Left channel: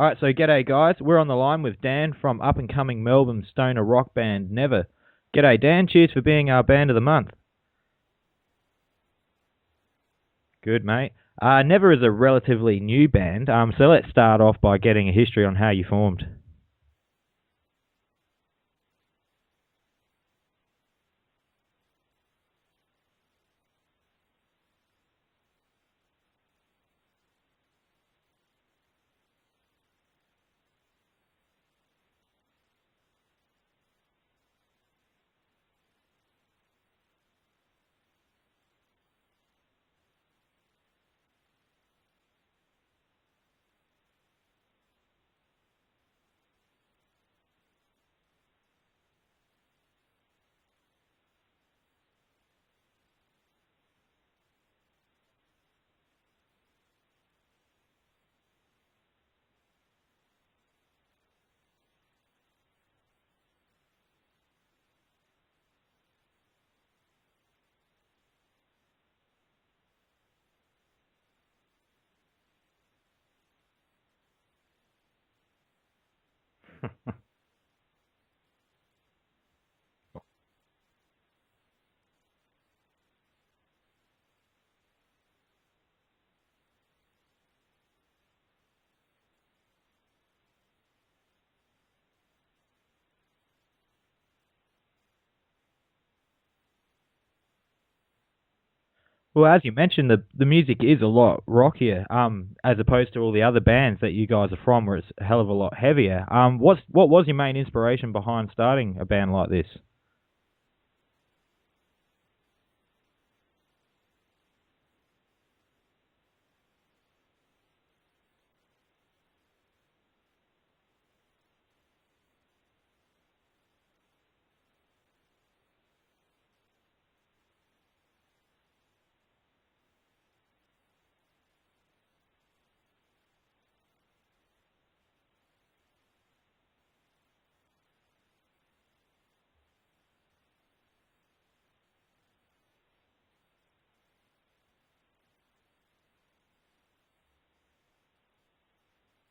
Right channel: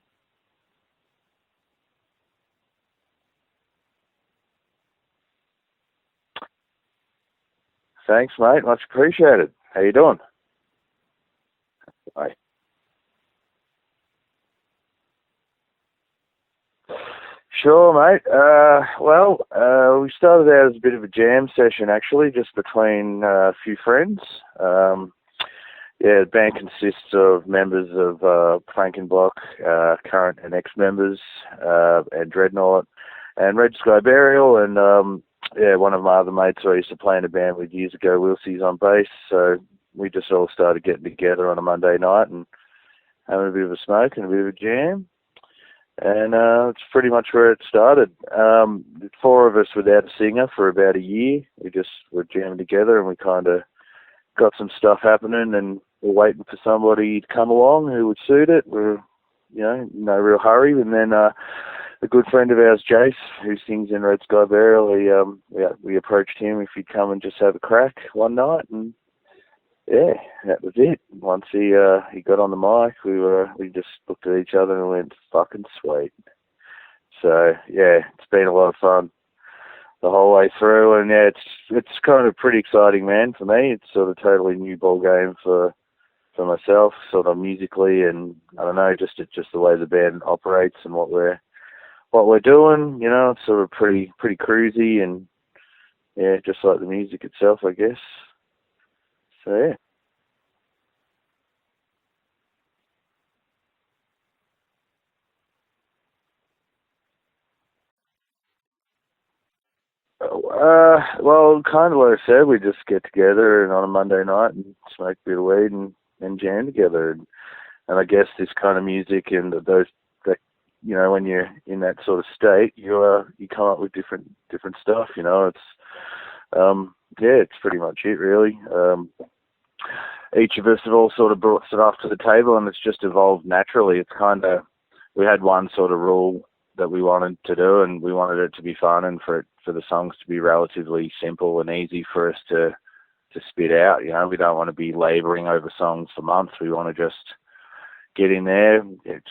All right, so g'day guys. We're on the line with Dan from up-and-coming Melbourne stoner rock band Never. G'day Dan, cheers for being our band of the month. Thanks, mate. Much appreciated. How you doing? Good, mate. Never is a relatively new band, so let's start off by getting a history on how you formed. Sure, mate. We started out as a bit of a jam session, actually, just between a few friends. The band consists of members of Painkiller, current and ex-members, and Dreadnought, and Red Sky Burial, and one of my other mates who I used to play in a band with years ago, Wilsey's on bass, so we just all started getting together on a Monday night and having a bit of a smoke and a bit of a jam. And it's pretty much where it started. Four of us without a singer for about a year. We just were jamming together and we kind of got some stuff happening and we're waiting for somebody to come along who would suit it. We're, no real hurry. And then a good friend of ours, Jace, who sings in Red Sky Burial, we approached him if he'd come and just have a crack one night, and yeah, that was it. Once he got on the mic, we just looked at each other and went, fucking sweet. So yeah, it's been a lot of fun the whole way through, and yeah, it's kind of pretty exciting, man. For me, it's sort of totally new ball game for myself, sort of musically, and I don't know, just the way the band operates and what we're doing. It's sort of pretty cruisy, and yeah, just like the music itself, I guess. Well, as you mentioned, the music is a lot rockier, as opposed to all the other bands that you guys are from, where it's a hell of a lot heavier. What was your main inspiration behind starting a band like this? Well, kind of like I said, we just get together and on a Monday night and smoke a bit of weed and jam together. And I guess this kind of music and those, that, when you're in that sort of state, you come up with different stuff. It's pretty much it, really. Each of us have all sort of brought stuff to the table, and it's just evolved naturally. It's kind of, we had one sort of rule that we wanted to do, and we wanted it to be fun and for the songs to be relatively simple and easy for us to spit out. We don't want to be labouring over songs for months. We want to just get in there,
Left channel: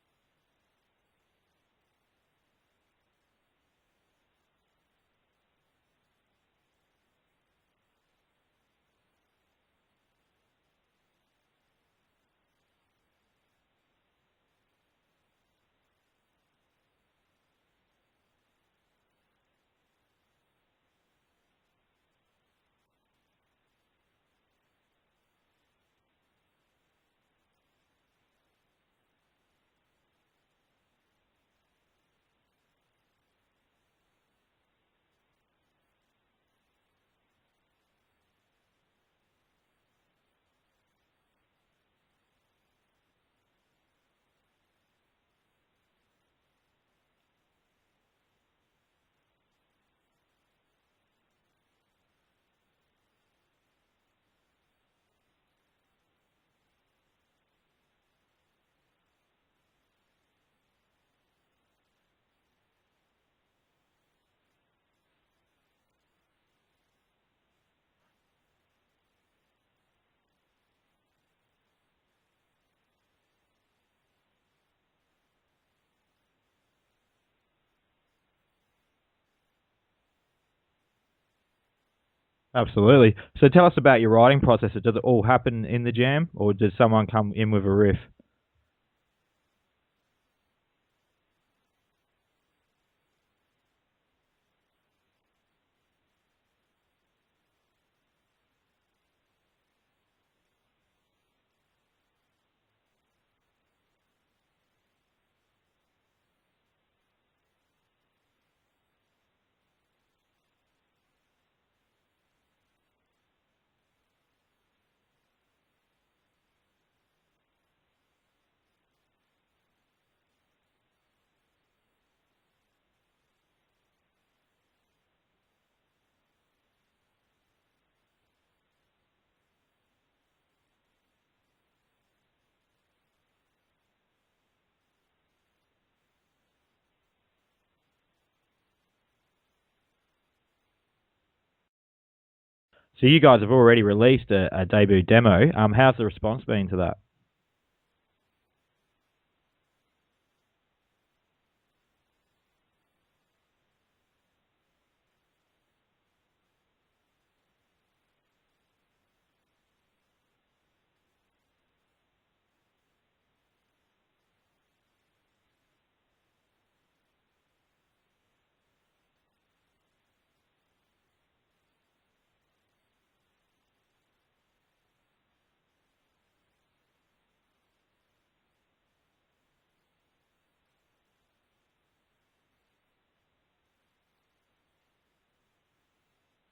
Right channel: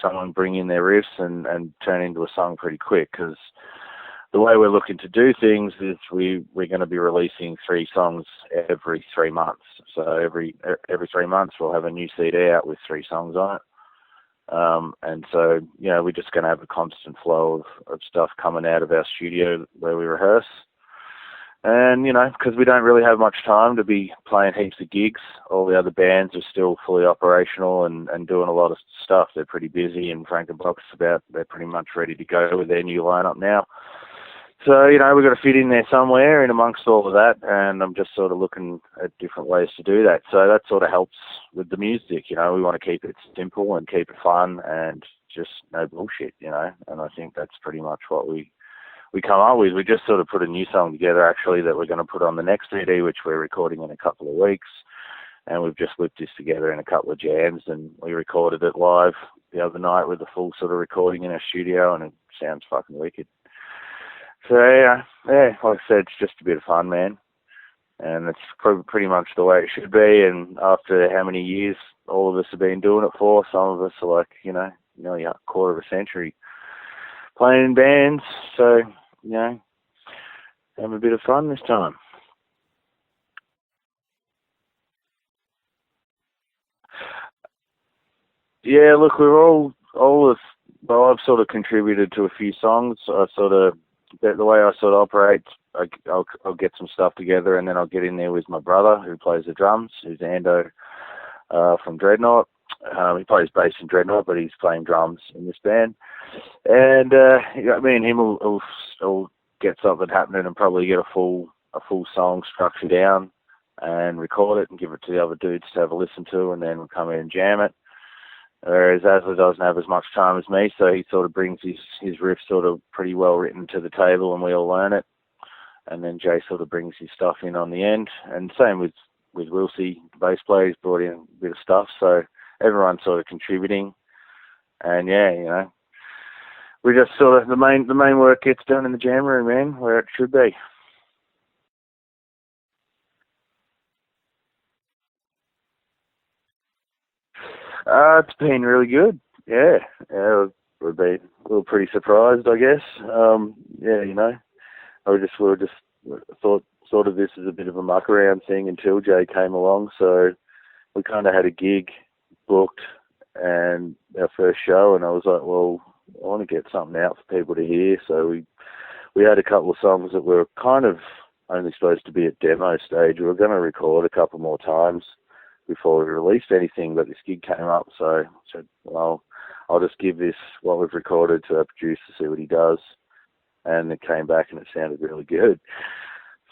someone bring in their riffs and turn into a song pretty quick, because the way we're looking to do things is we're going to be releasing 3 songs every 3 months. So every 3 months we'll have a new CD out with 3 songs on it. And so, we're just going to have a constant flow of stuff coming out of our studio where we rehearse. And, because we don't really have much time to be playing heaps of gigs, all the other bands are still fully operational and doing a lot of stuff. They're pretty busy, and Frank and Box they're pretty much ready to go with their new lineup now. So, we've got to fit in there somewhere in amongst all of that, and I'm just sort of looking at different ways to do that. So that sort of helps with the music, we want to keep it simple and keep it fun and just no bullshit, and I think that's pretty much what we come up with. We just sort of put a new song together, actually, that we're going to put on the next CD, which we're recording in a couple of weeks, and we've just whipped this together in a couple of jams, and we recorded it live the other night with a full sort of recording in our studio, and it sounds fucking wicked. So, yeah, like I said, it's just a bit of fun, man. And it's pretty much the way it should be. And after how many years all of us have been doing it for, some of us are like, nearly a quarter of a century playing in bands. So, have a bit of fun this time. Absolutely. So tell us about your writing process. Does it all happen in the jam, or does someone come in with a riff? Yeah, look, we're I've sort of contributed to a few songs. The way I sort of operate, I'll get some stuff together and then I'll get in there with my brother who plays the drums, who's Ando from Dreadnought. He plays bass in Dreadnought, but he's playing drums in this band. And me and him will get something happening and probably get a full song structure down and record it and give it to the other dudes to have a listen to, and then we'll come in and jam it. Whereas Asler doesn't have as much time as me, so he sort of brings his riff sort of pretty well written to the table, and we all learn it. And then Jay sort of brings his stuff in on the end. And same with Wilsey, the bass player, he's brought in a bit of stuff. So everyone's sort of contributing. And we just sort of, the main work gets done in the jam room, man, where it should be. So you guys have already released a debut demo. How's the response been to that? It's been really good. Yeah, yeah, we've been a little pretty surprised, I guess. Yeah, we were just thought of this as a bit of a muck around thing until Jay came along. So we kind of had a gig booked and our first show, and I was like, well, I want to get something out for people to hear. So we had a couple of songs that were kind of only supposed to be at demo stage. We were going to record a couple more times before we released anything, but this gig came up, so I said, well, I'll just give this, what we've recorded, to our producer, see what he does. And it came back and it sounded really good.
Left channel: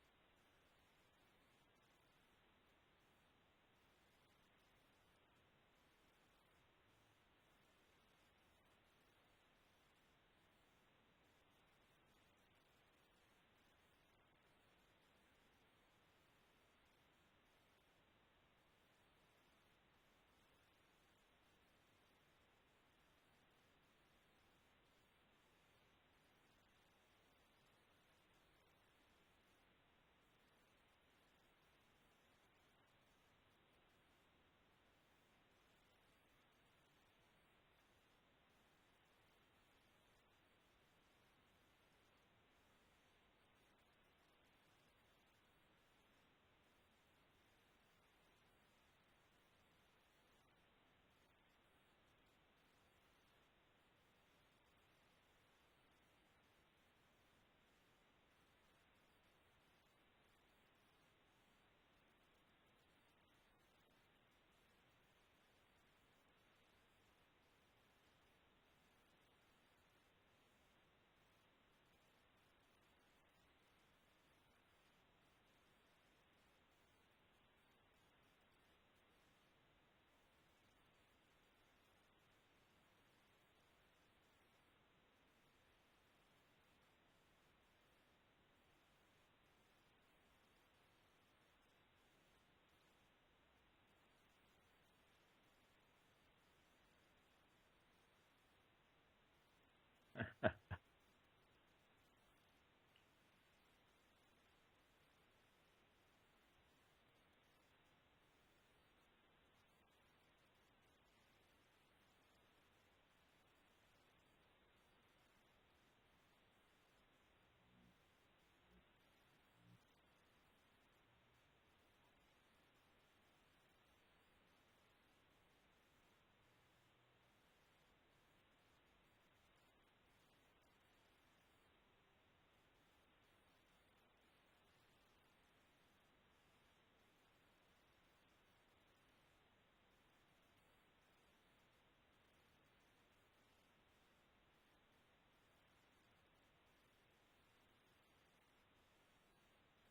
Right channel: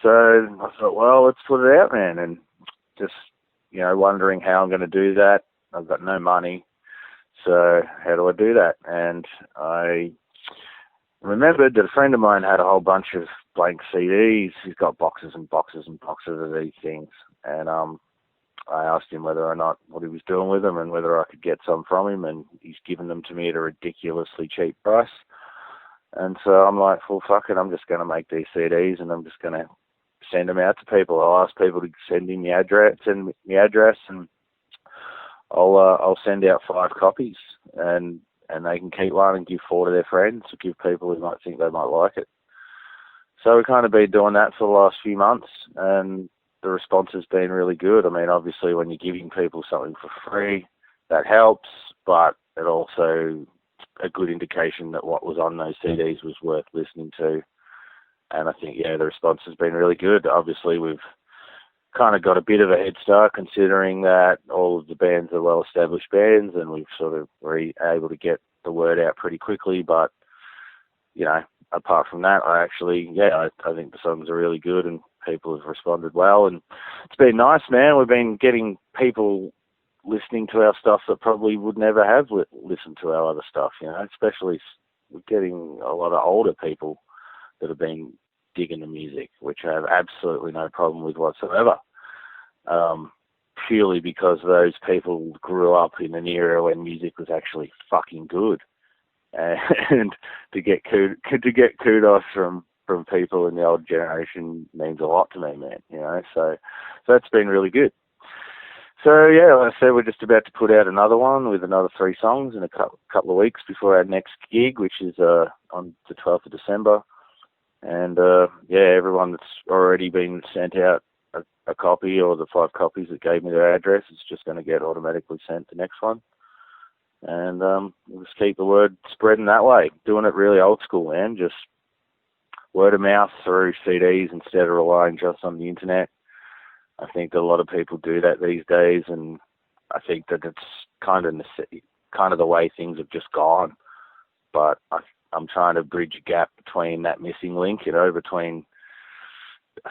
So I thought, well, let's put it out, man. And just, wondering how I'm going to do that. I've got no money. So how do I do that? And I remembered that a friend of mine had a whole bunch of blank CDs. He's got boxes and boxes and boxes of these things. And I asked him whether or not what he was doing with them and whether I could get some from him. And he's given them to me at a ridiculously cheap price. And so I'm like, well, fuck it, I'm just going to make these CDs and I'm just going to send them out to people. I'll ask people to send me the address, and I'll send out 5 copies, and they can keep one and give 4 to their friends, or give people who might think they might like it. So we've kind of been doing that for the last few months, and the response has been really good. I mean, obviously, when you're giving people something for free, that helps, but it also a good indication that what was on those CDs was worth listening to. And I think, the response has been really good. Obviously, we've kind of got a bit of a head start, considering that all of the bands are well-established bands, and we've sort of were able to get the word out pretty quickly. But, apart from that, I think the songs are really good and people have responded well. And it's been nice, man. We've been getting people listening to our stuff that probably would never have listened to our other stuff, especially we're getting a lot of older people that have been digging the music, which I have absolutely no problem with whatsoever, purely because those people grew up in an era when music was actually fucking good. And to get kudos from people in the old generation means a lot to me, man, so that's been really good. So, like I said, we're just about to put out another one with another 3 songs in a couple of weeks before our next gig, which is on the 12th of December. And, everyone that's already been sent out a copy, or the 5 copies that gave me their address, is just going to get automatically sent the next one. And we'll just keep the word spreading that way, doing it really old school, man, just word of mouth through CDs instead of relying just on the internet. I think that a lot of people do that these days, and I think that it's kind of the way things have just gone. But I'm trying to bridge a gap between that missing link, between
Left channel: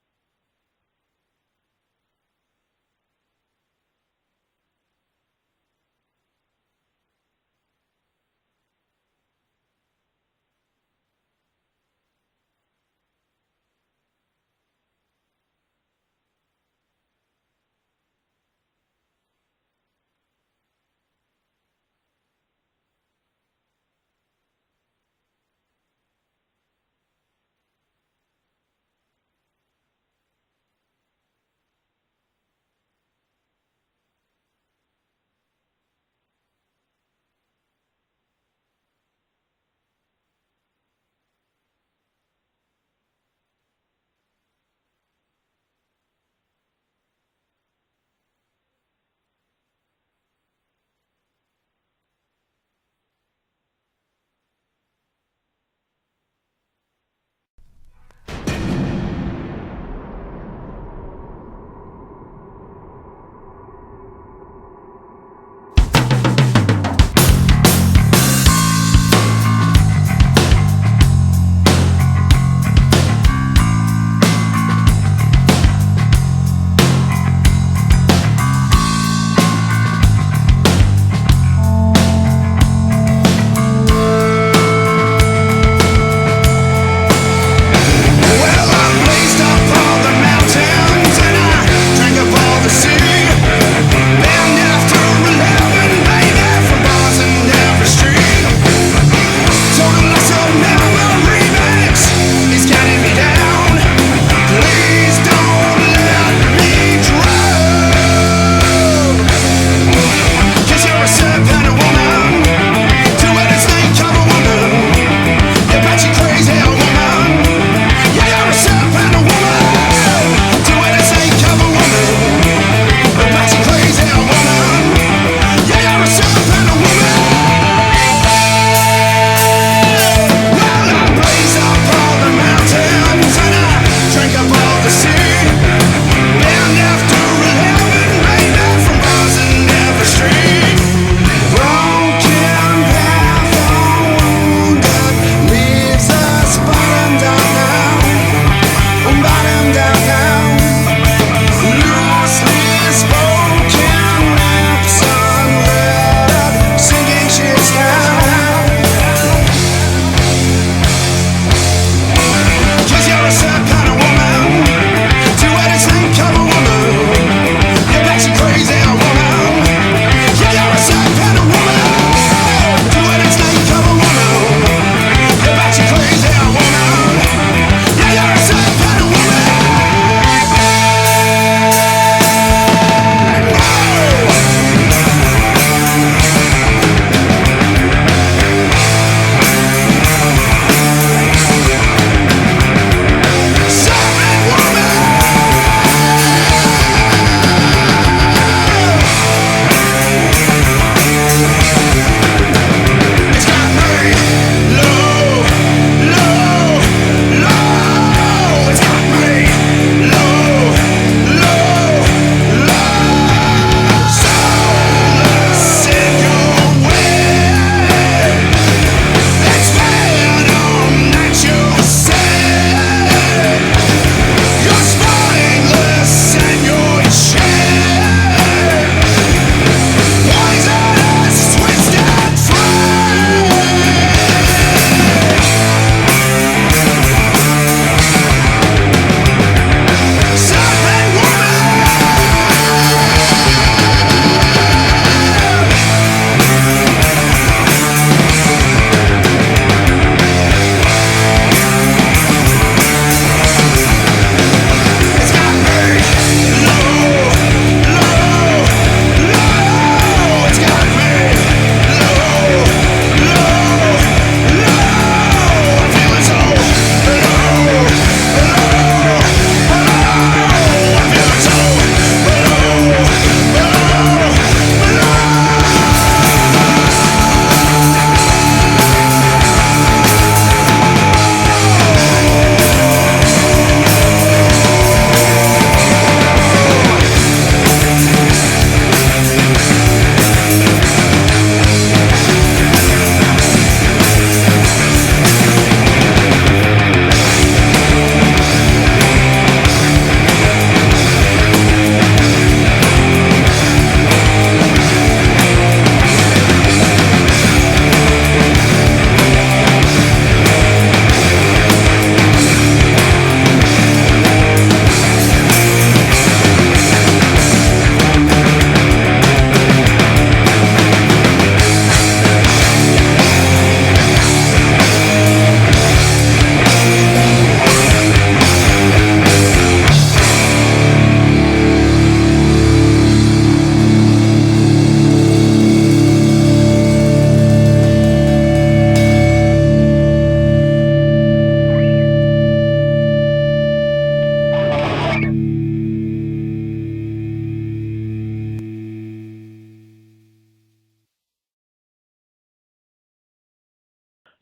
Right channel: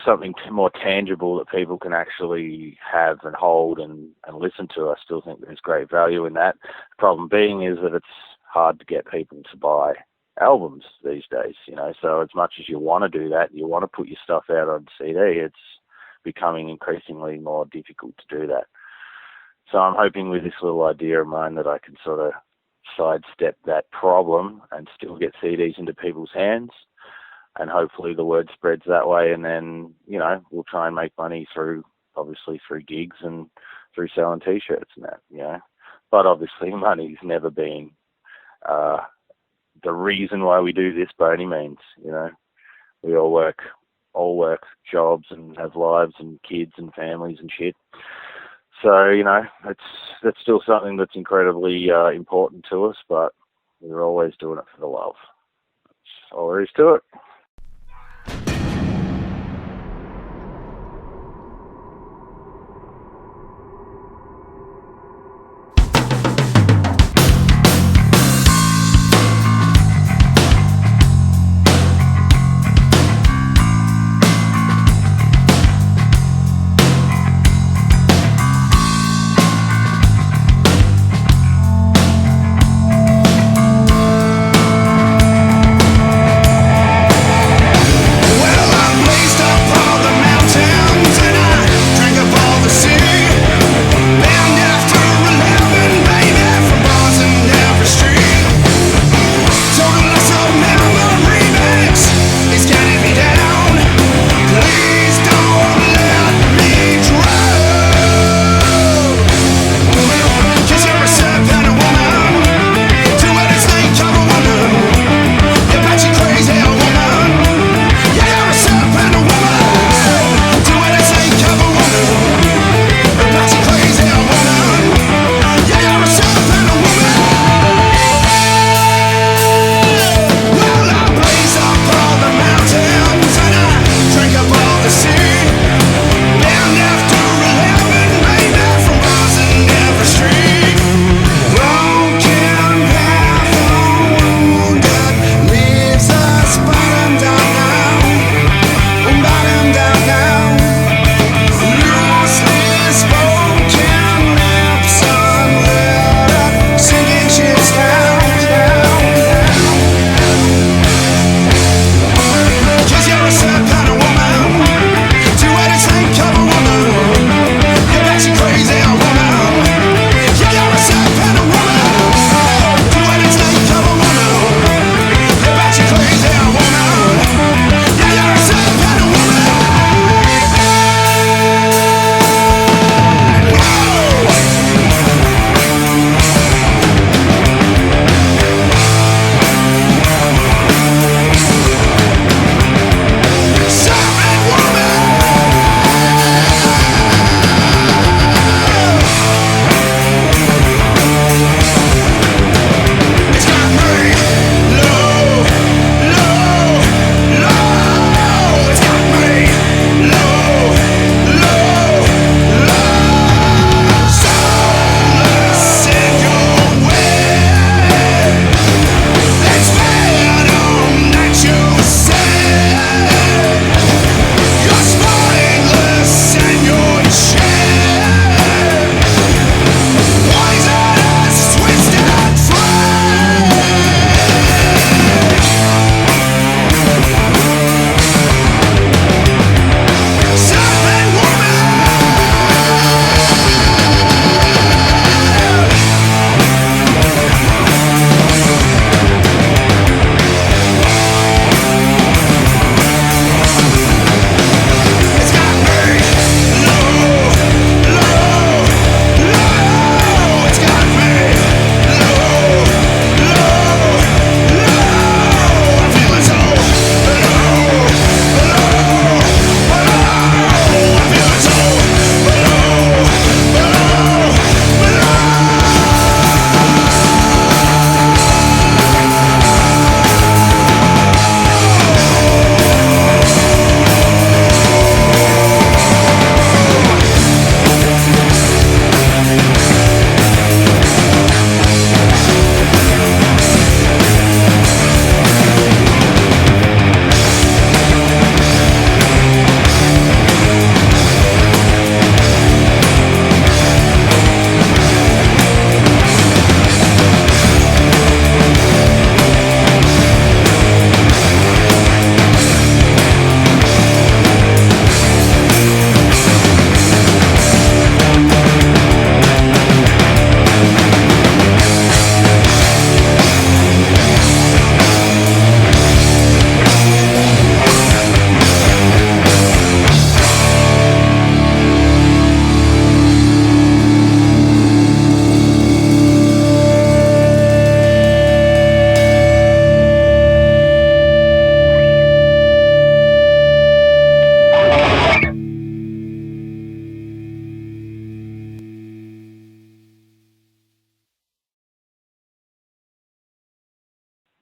something more tangible that people can actually have and hold and listen to. I still think there's great value in that. The problem being is that it's hard to get people to buy albums these days, so as much as you want to do that, you want to put your stuff out on CD, it's becoming increasingly more difficult to do that. So I'm hoping with this little idea of mine that I can sort of sidestep that problem and still get CDs into people's hands, and hopefully the word spreads that way, and then, we'll try and make money through gigs and through selling T-shirts and that, But obviously money's never been the reason why we do this by any means, We all work jobs and have lives and kids and families and shit. So, that's still something that's incredibly important to us, but we're always doing it for the love. That's all there is to it.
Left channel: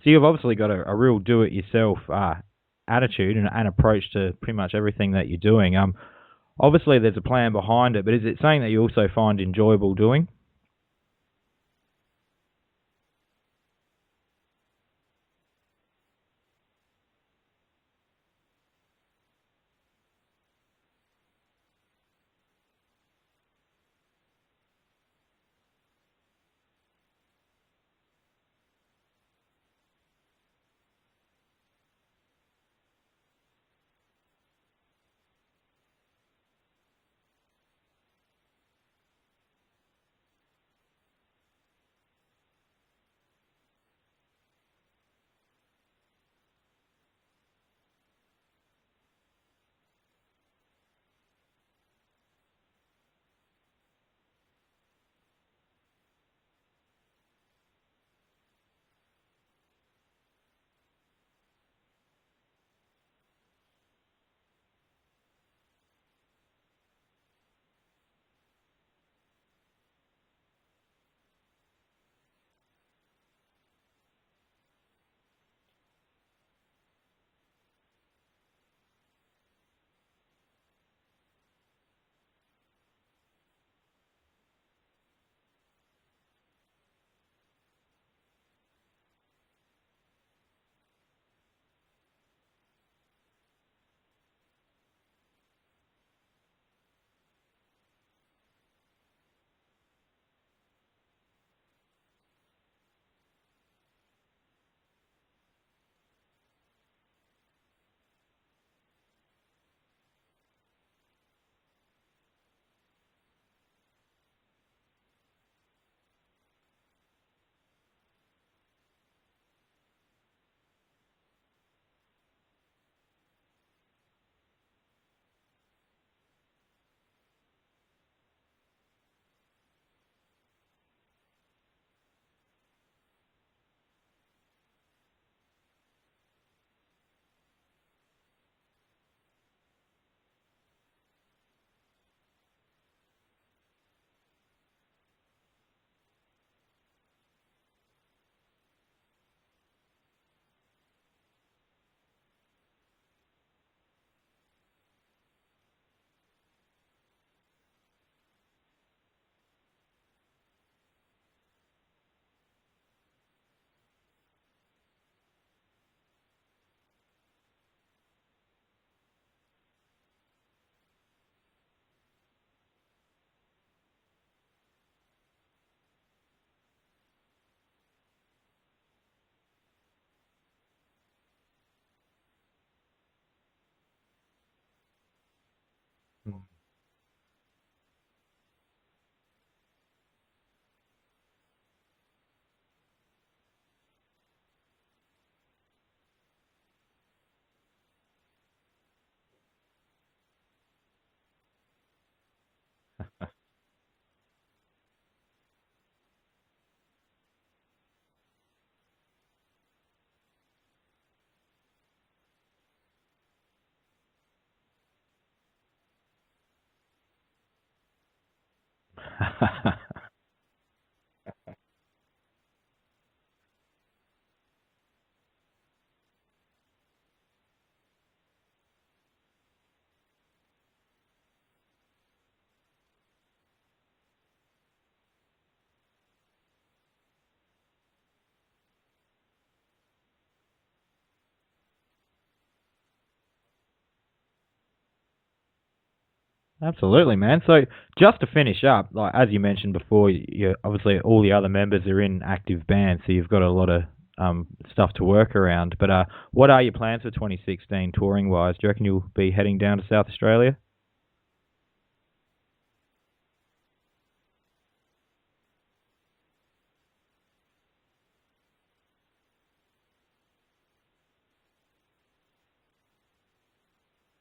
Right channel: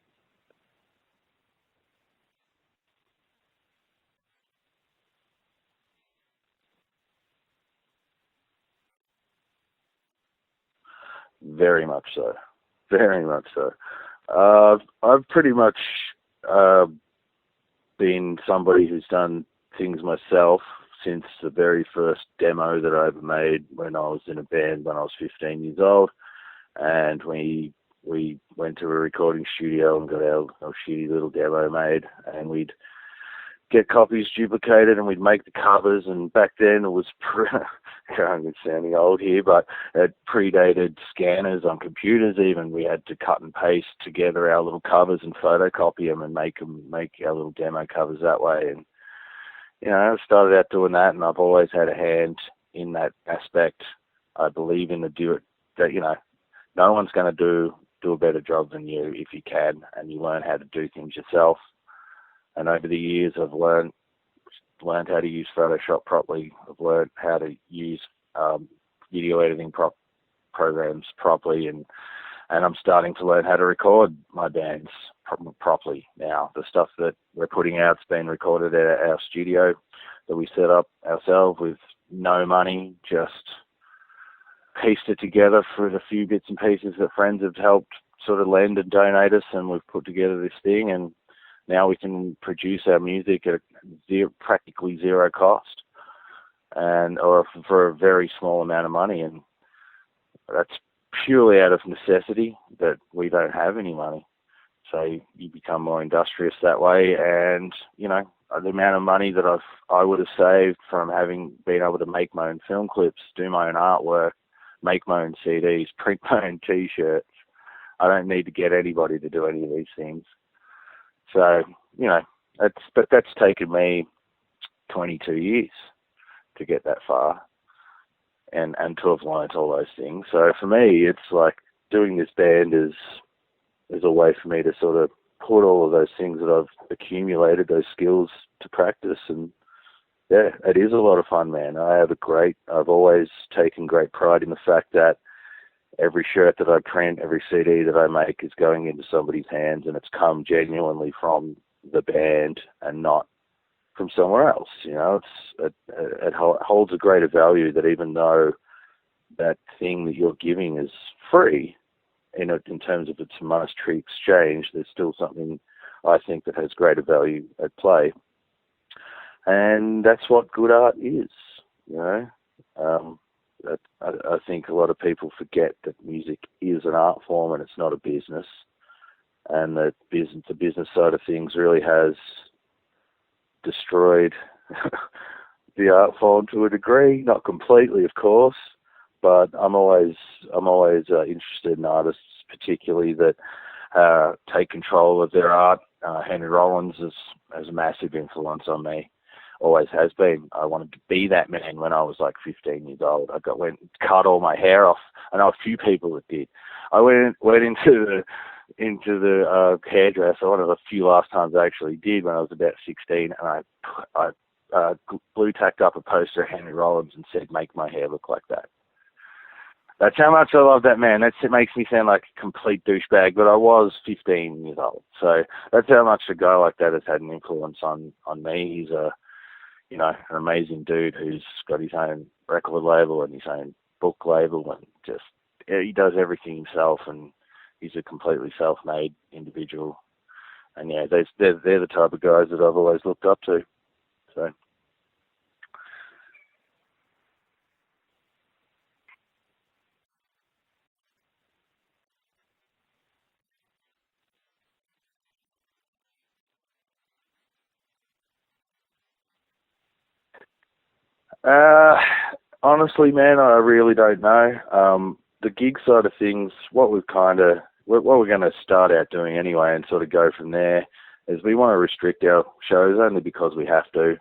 So you've obviously got a real do-it-yourself attitude and approach to pretty much everything that you're doing. Obviously there's a plan behind it, but is it something that you also find enjoyable doing? Very much so. Very much so. I've pretty much uh, been somebody who's done things myself since the very first demo that I ever made when I was in a band when I was 15 years old, and we went to a recording studio and got our shitty little demo made, and we'd get copies duplicated and we'd make the covers. And back then it was I'm sounding old here, but it predated scanners on computers. Even we had to cut and paste together our little covers and photocopy them and make our little demo covers that way. And I started out doing that, and I've always had a hand in that aspect. I believe in that no one's going to do a better job than you if you can, and you learn how to do things yourself. And over the years, I've learned how to use Photoshop properly. I've learned how to use video editing programs properly, and I'm starting to learn how to record my bands properly now. The stuff that we're putting out's been recorded at our studio that we set up ourselves with no money, just pieced it together for the few bits and pieces that friends have helped sort of lend and donate us, and we've put together this thing, and now we can produce our music at practically zero cost, or for a very small amount of money. And that's purely out of necessity, that we don't have any money. So you become more industrious that way. And, the amount of money that I would have saved from having been able to make my own film clips, do my own artwork, make my own CDs, print my own T-shirts. I don't need to get anybody to do any of these things. So, that's taken me 22 years to get that far and to have learnt all those things. So for me, it's like doing this band is a way for me to sort of put all of those things that I've accumulated, those skills, to practice. And yeah, it is a lot of fun, man. I've always taken great pride in the fact that every shirt that I print, every CD that I make is going into somebody's hands, and it's come genuinely from the band and not from somewhere else. It holds a greater value, that even though that thing that you're giving is free, in terms of its monetary exchange, there's still something, I think, that has greater value at play. And that's what good art is, I think a lot of people forget that music is an art form and it's not a business, and that the business side of things really has destroyed the art form to a degree, not completely, of course, but I'm always interested in artists, particularly that take control of their art. Henry Rollins has a massive influence on me. Always has been. I wanted to be that man when I was like 15 years old. went and cut all my hair off. I know a few people that did. I went into the hairdresser. One of the few last times I actually did, when I was about 16, and I blue tacked up a poster of Henry Rollins and said, "Make my hair look like that." That's how much I love that man. It makes me sound like a complete douchebag, but I was 15 years old. So that's how much a guy like that has had an influence on me. He's an amazing dude who's got his own record label and his own book label, and he does everything himself, and he's a completely self-made individual. And yeah, they're the type of guys that I've always looked up to. So. Absolutely, man. So just to finish up, like as you mentioned before, you obviously all the other members are in active bands, so you've got a lot of stuff to work around. But what are your plans for 2016 touring wise? Do you reckon you'll be heading down to South Australia? Honestly, man, I really don't know. The gig side of things, what we're going to start out doing anyway, and sort of go from there, is we want to restrict our shows only because we have to.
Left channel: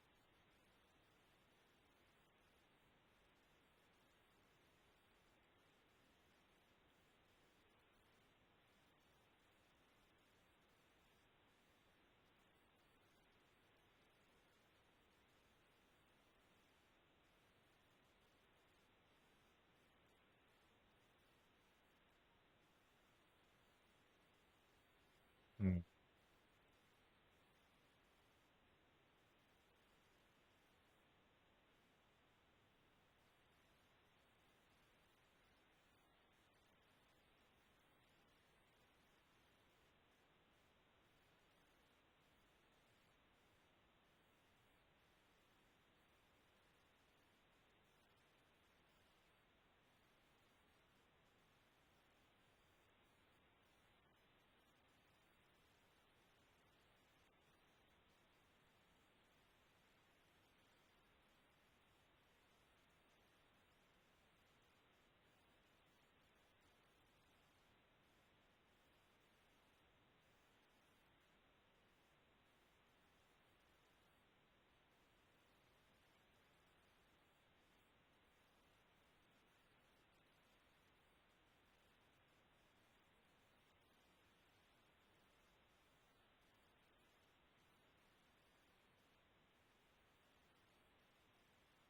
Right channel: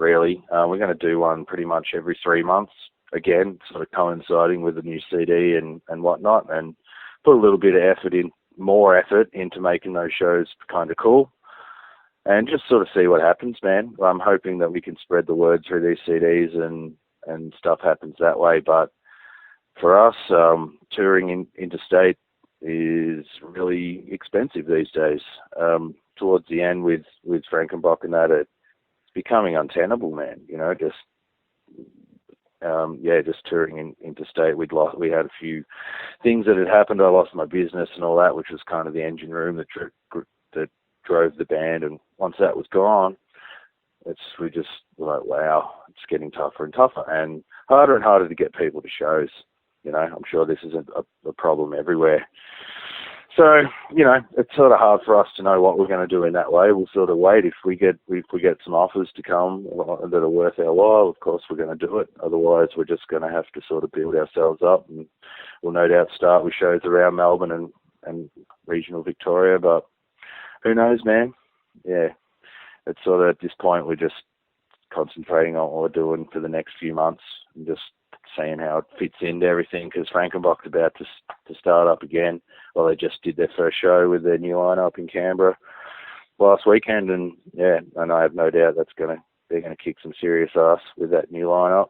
Really, we're going to do one pretty much every 3 months, again, sort of coinciding with the new CD and whatnot, and put a little bit of more effort into making those shows kind of cool, and just sort of see what happens, man. I'm hoping that we can spread the word through these CDs and stuff happens that way. But for us, touring interstate is really expensive these days. Towards the end with Frankenbach and that, it's becoming untenable, man. You know, just just touring interstate. We had a few things that had happened. I lost my business and all that, which was kind of the engine room that drove the band. And once that was gone, we just were like, wow, it's getting tougher and tougher and harder to get people to shows. You know, I'm sure this is a problem everywhere. So, you know, it's sort of hard for us to know what we're going to do in that way. We'll sort of wait. If we get some offers to come that are worth our while, of course we're going to do it. Otherwise, we're just going to have to sort of build ourselves up, and we'll no doubt start with shows around Melbourne and regional Victoria. But who knows, man? Yeah, it's sort of at this point we're just concentrating on what we're doing for the next few months and just seeing how it fits into everything, because Frankenbach's about to start up again. Well, they just did their first show with their new lineup in Canberra last weekend, and I have no doubt they're gonna kick some serious ass with that new lineup.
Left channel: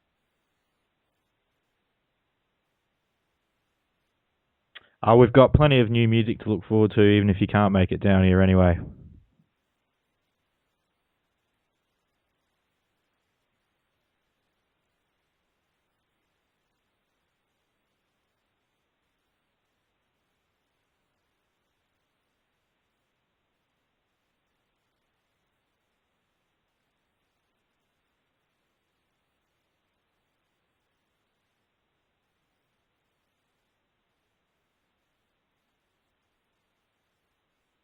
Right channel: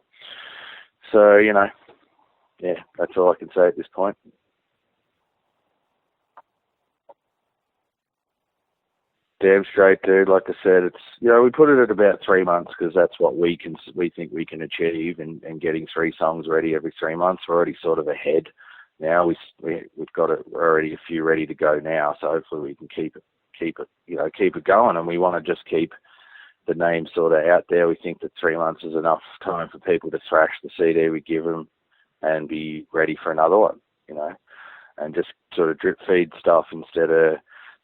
So, you know, that's all I can say at this point. We've got plenty of new music to look forward to, even if you can't make it down here anyway. Damn straight, dude. Like I said, it's, you know, we put it at about 3 months because that's what we think we can achieve, and getting 3 songs ready every 3 months. We're already sort of ahead now. We've got already a few ready to go now, so hopefully we can keep it going. And we want to just keep the name sort of out there. We think that 3 months is enough time for people to thrash the CD we give them and be ready for another one, you know, and just sort of drip feed stuff instead of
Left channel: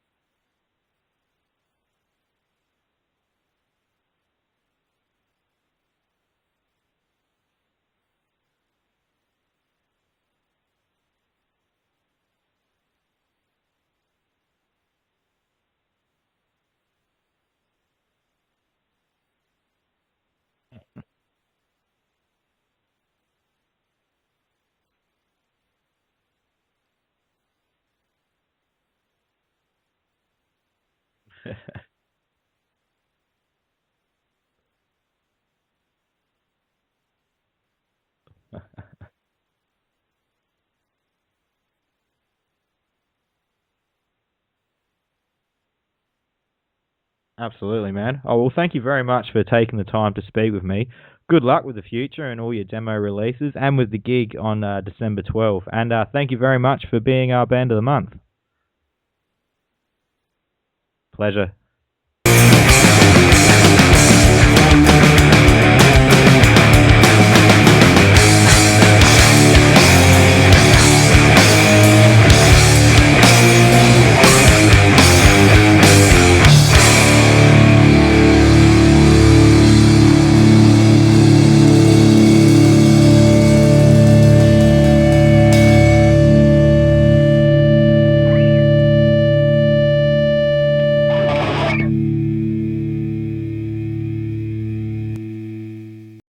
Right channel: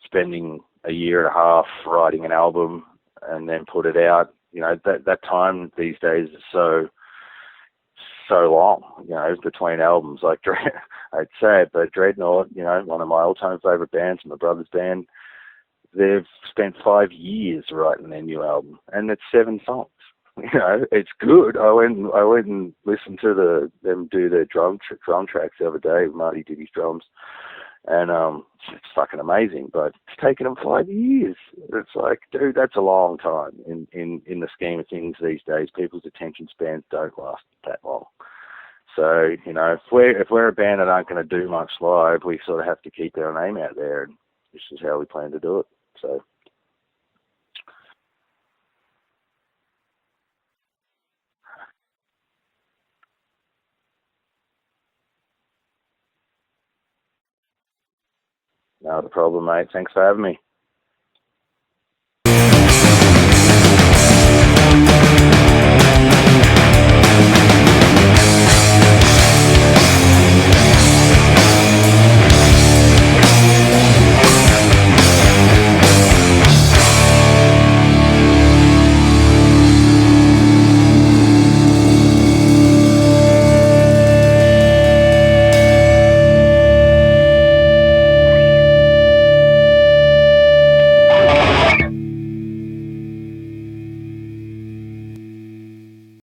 spending a year and a half writing an album and then put it out. You know, that time these days is so long, you know, between albums. Like, I'd say it, but Dreadnought, you know, one of my all-time favorite bands, my brother's band, they've spent 5 years writing their new album, and it's 7 songs. You know, it's good. I went and listened to them do their drum tracks the other day. Marty did his drums. And it's fucking amazing, but it's taken them 5 years. It's like, dude, that's a long time in the scheme of things these days. People's attention spans don't last that long. So, you know, if we're a band that aren't going to do much live, we sort of have to keep our name out there, and this is how we plan to do it. So, absolutely, man. Oh, well, thank you very much for taking the time to speak with me. Good luck with the future and all your demo releases, and with the gig on December 12th. And thank you very much for being our Band of the Month. Not a problem, mate. Thanks for having me. Pleasure.